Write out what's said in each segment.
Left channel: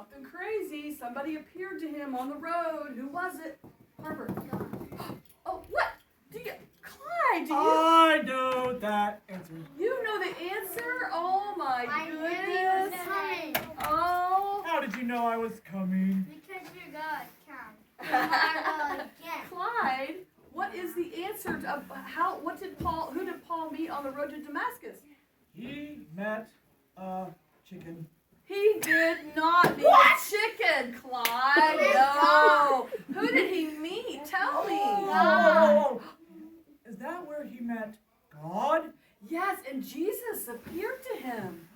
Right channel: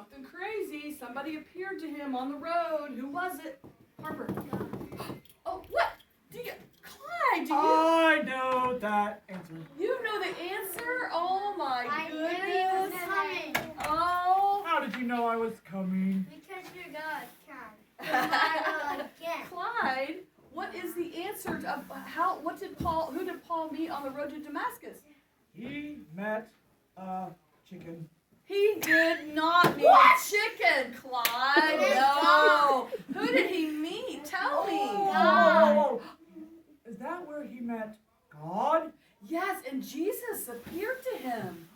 something crazy. Somebody appeared to him on the road. Who was it? Harper. Oh, what? Clyde, do you? I know that answer. You know the answer? Oh my I knew goodness. he was coming. Oh. How did you know I was coming? Because you're God, child. Clyde, what is the answer to who did Paul meet on the road to Damascus? He met a chicken. He did not meet a chicken, Clyde. No. Who did he meet? Tell me. Oh, is that where he met God? Yes, and Jesus appeared to him.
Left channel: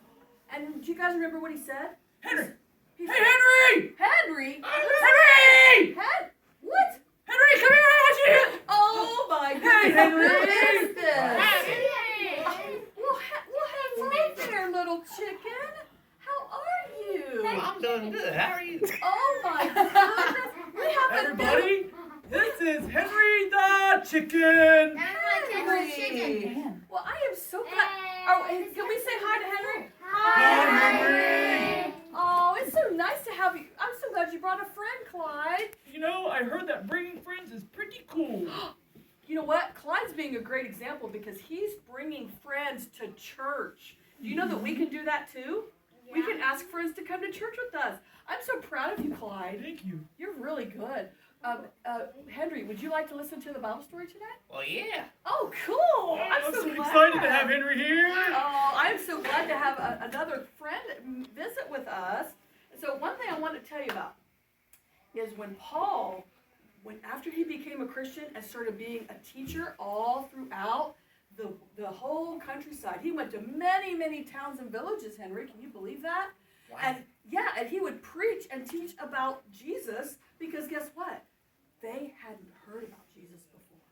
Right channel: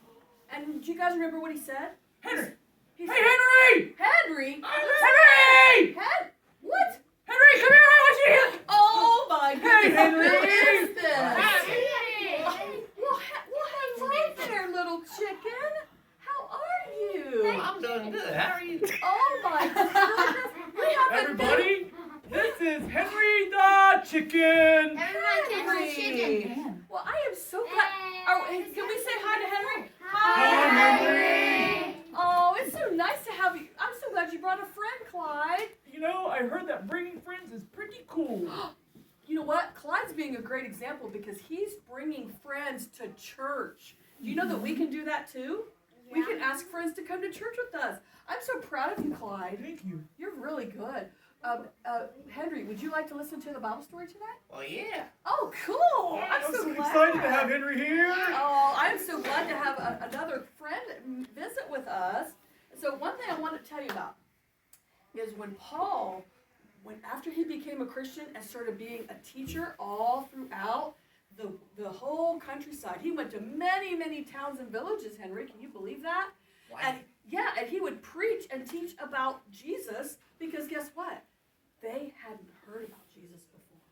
And do you guys remember what he said? Henry! He Hey, said, Henry! Henry? Henry! What? Henry, come here! I want you here! Oh my goodness. Hey, Henry! Who is this? Hey. Well, hello there, little chicken. How are you? I'm doing good. How are you? Oh my goodness. We have Everybody, this is Henry the Chicken. Henry. Well, I am so glad. Oh, and can we say hi to Henry? Hi, Henry. Oh, it's so nice to have you. I'm so glad you brought a friend, Clyde. You know, I heard that bringing friends is pretty cool. You know what? Clyde's being a great example because he's bringing friends to church. Do you know that we can do that too? We can ask friends to come to church with us. I'm so proud of you, Clyde. Thank you. You're really good. Henry, would you like to listen to the Bible story today? Well, yeah. Oh, cool. I'm so glad. excited to have Henry here. Oh, I'm so glad to have another friend visit with us. So one thing I want to tell you about is after he became a Christian and started being a teacher all throughout the whole countryside, he went to many, many towns and villages, Henry. Can you believe that? Wow. And he would preach and teach about Jesus because guess what? They hadn't heard about Jesus before.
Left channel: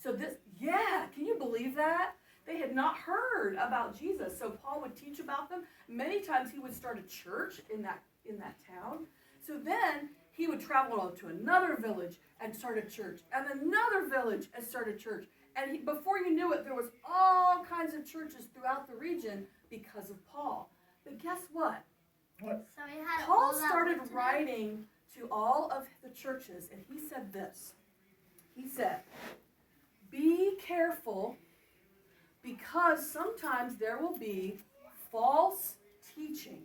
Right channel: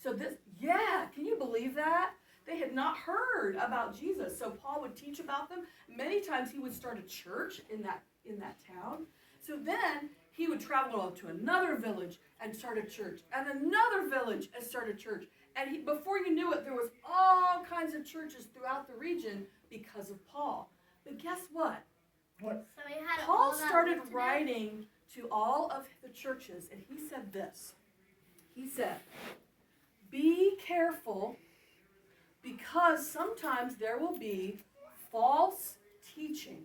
So can you believe that? They had not heard about Jesus. So Paul would teach about them. Many times he would start a church in that town. So then he would travel to another village and start a church, and another village and start a church. And before you knew it, there was all kinds of churches throughout the region because of Paul. But guess what? What? So he had Paul all that started work to do. writing to all of the churches, and he said this. He said, be careful because sometimes there will be false teaching.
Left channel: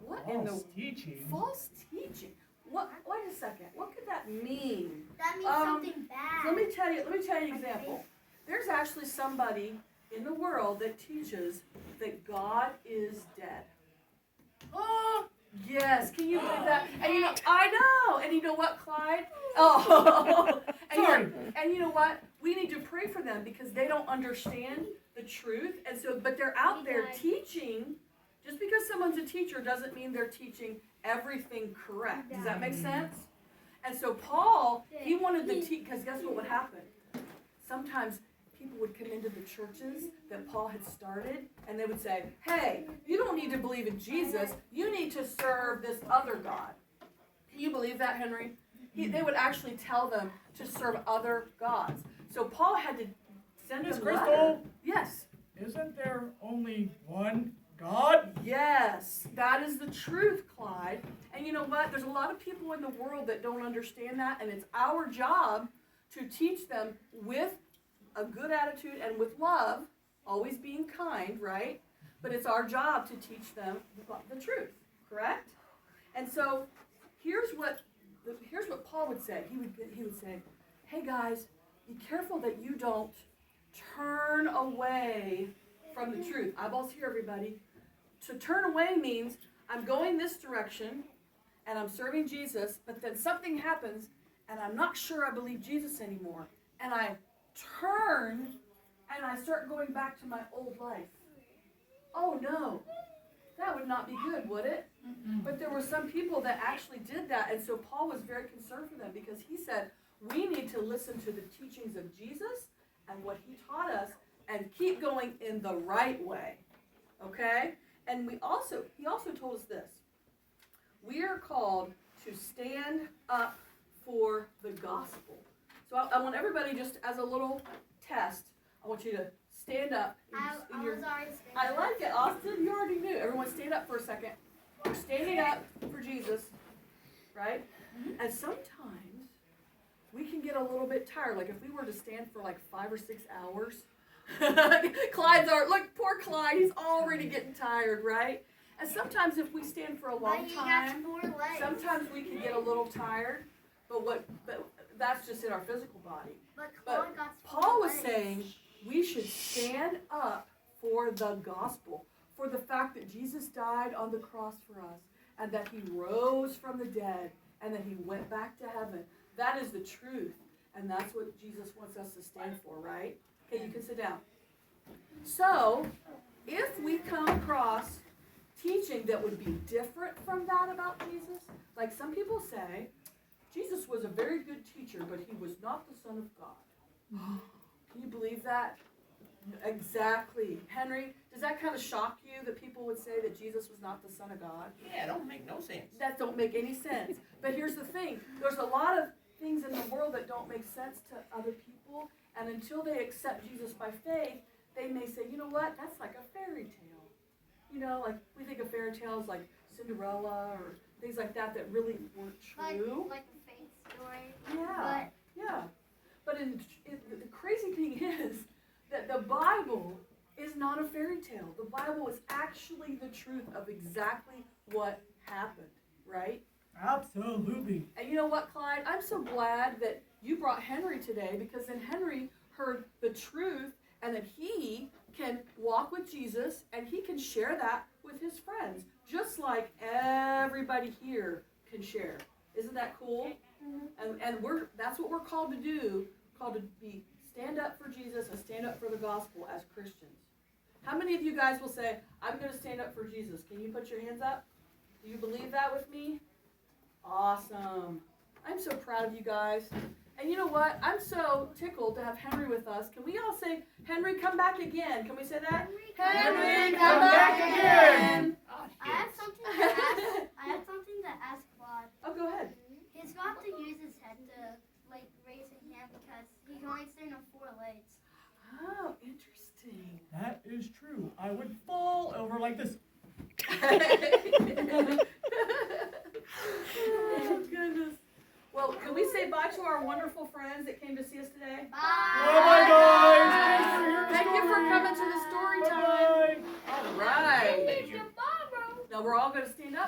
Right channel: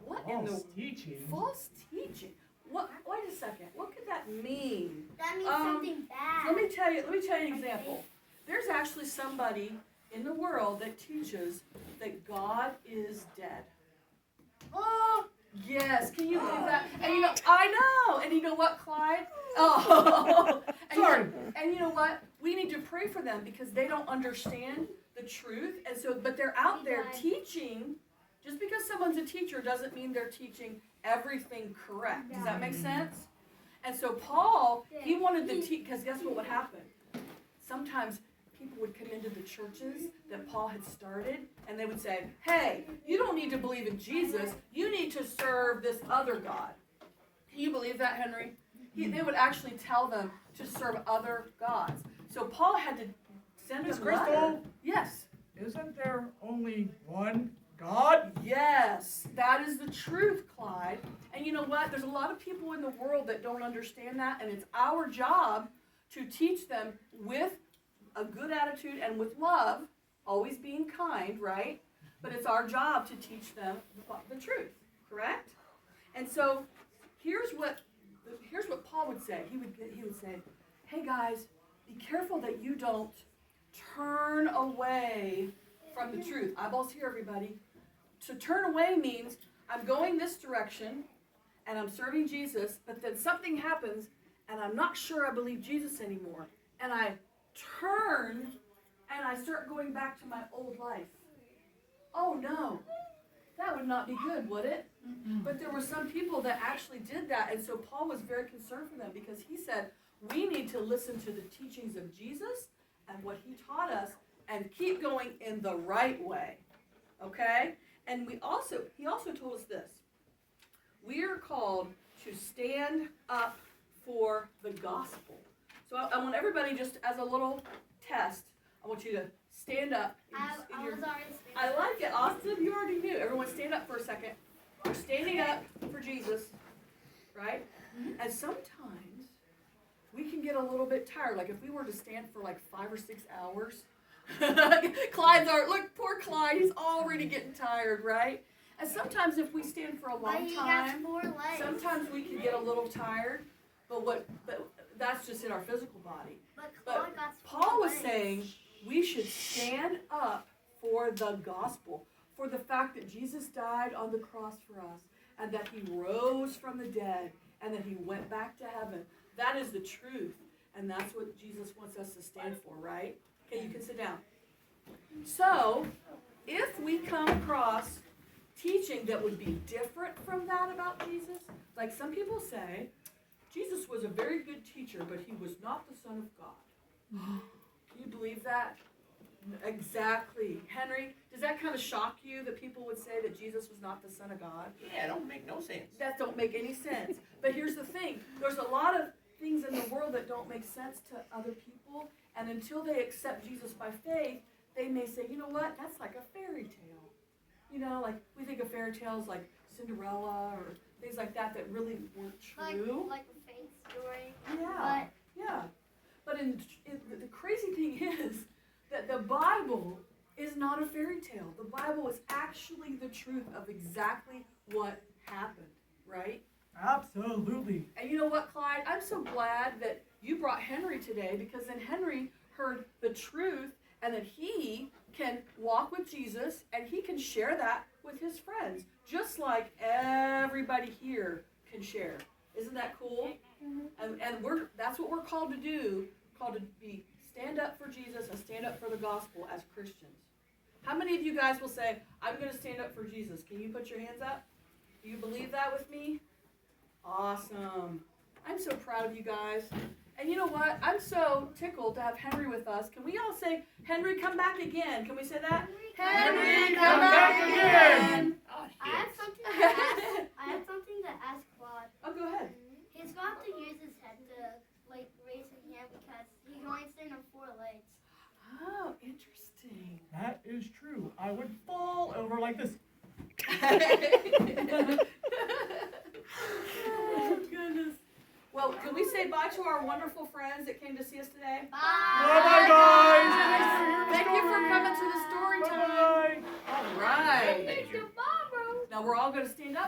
What in the False teaching? false teaching? What? Wait a second. What could that mean? That means something bad. Let me tell you an example. There's actually somebody in the world that teaches that God is dead. Oh, yes. Can you believe that? And I know. And you know what, Clyde? Oh. And you know what? We need to pray for them because they don't understand the truth. And so, but they're out there teaching. Just because someone's a teacher doesn't mean they're teaching everything correct. Does that make sense? And so Paul, he wanted to teach, because guess what would happen? Sometimes people would come into the churches that Paul had started, and they would say, hey, you don't need to believe in Jesus. You need to serve this other God. Can you believe that, Henry? They would actually tell them to serve other gods. So Paul had to send Miss them a letter. Crystal? Yes. Isn't there only one God? Yes, that is the truth, Clyde. And you know what? There's a lot of people in the world that don't understand that, and it's our job to teach them with a good attitude and with love, always being kind, right? But it's our job to teach them the truth, correct? And so here's what Paul would say. He would say, hey guys, be careful that you don't turn away from the truth. Eyeballs here, everybody. To turn away means I'm going this direction and I'm serving Jesus, but then something happens and I'm not sure I believe Jesus anymore. And I turn and I start going back to my old life. Oh no, that would not be good, would it? Mm-hmm. But there were some people that actually did that, and so Paul was very concerned for them because he said, we need to listen to the teachings of Jesus and what he taught us and keep going in the right way, okay? And he also told us this. We are called to stand up for the gospel. So I want everybody, just as a little test, I want you to stand up. I was already standing. I like it, Austin. You already knew. Everyone stand up for a second. We're standing up for And sometimes we can get a little bit tired. Like if we were to stand for like 5 or 6 hours, look, poor Clyde, he's already getting tired, right? And sometimes if we stand for a long But he got time, 4 legs. sometimes we can get a little tired, but that's just in our physical body. But but Claude got 4 Paul was legs. saying we should stand up for the gospel, for the fact that Jesus died on the cross for us, and that he rose from the dead, and that he went back to heaven. That is the truth, and that's what Jesus wants us to stand for, right? Okay, you can sit down. So, if we come across teaching that would be different from that about Jesus, like some people say, Jesus was a very good teacher, but he was not the Son of God. Can you believe that? Exactly. Henry, does that kind of shock you that people would say that Jesus was not the Son of God? Yeah, it don't make no sense. That don't make any sense. But here's the thing. There's a lot of things in the world that don't make sense to other people, and until they accept Jesus by faith, they may say, you know what, that's like a fairy tale. You know, like we think of fairy tales like Cinderella or things like that that really weren't true. Like a fake story. Yeah. Yeah. But the crazy thing is that the Bible is not a fairy tale. The Bible is actually the truth of exactly what happened, right? Absolutely. And you know what, Clyde? I'm so glad that you brought Henry today, because then Henry heard the truth and that he can walk with Jesus and he can share that with his friends, just like everybody here can share. Isn't that cool? And that's what we're called to do, called to be stand up for Jesus and stand up for the gospel as Christians. How many of you guys will say, I'm going to stand up for Jesus? Can you put your hands up? Do you believe that with me? Awesome. I'm so proud of you guys. And you know what? I'm so tickled to have Henry with us. Can we all say, Henry, come back again? Can we say that? Henry, come back again. Oh, I shit. have something to ask. I have something to ask Claude. Oh, go ahead. He's going to have to use his head to raise his hand because he can only stand on 4 legs. Oh, interesting. That is true. I would fall over like this. Oh, goodness. Well, can we say bye to our wonderful friends that came to see us today? Bye-bye, guys. Thank you for coming to the story time. Bye-bye. All right. Thank you. Now we're all going to stand up.